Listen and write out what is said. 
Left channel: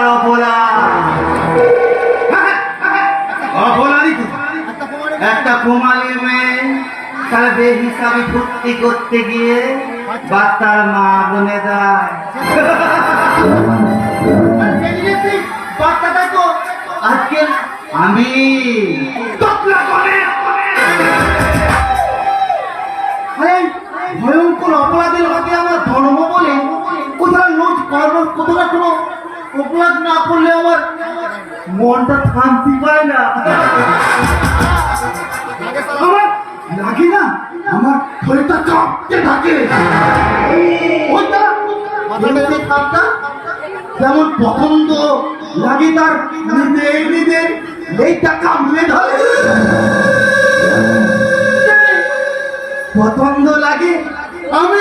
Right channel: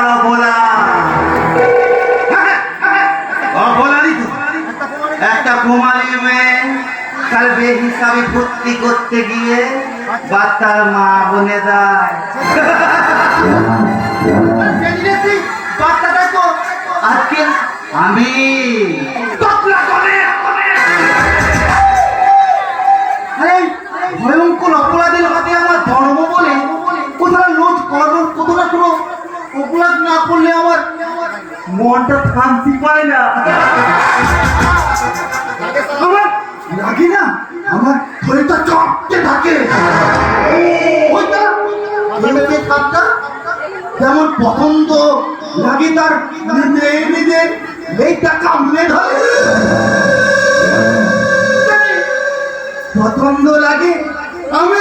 আর অপলা অপলারই তো একটা কুমারী মেয়ে তার বেহিসাবি ফুর্তি করতে গিয়ে বাচ্চার মা বনে দেয়। বাচ্চাটা তো আজকে আমি ভয়ঙ্কর অপরাধের হাতে আমার ধর্ম বলে কোথাও লোজ করানোর কতটা কোনো অপরাধ না করলে আমার মনটা শান্তি পায় না। আমার লাগে না, আমার শরীরটা চড়তে থাকে। যেমন পছন্দ লাগে তার নিজে নিজে এইটা কামড়ে ধরে, পছন্দ লাগে আমি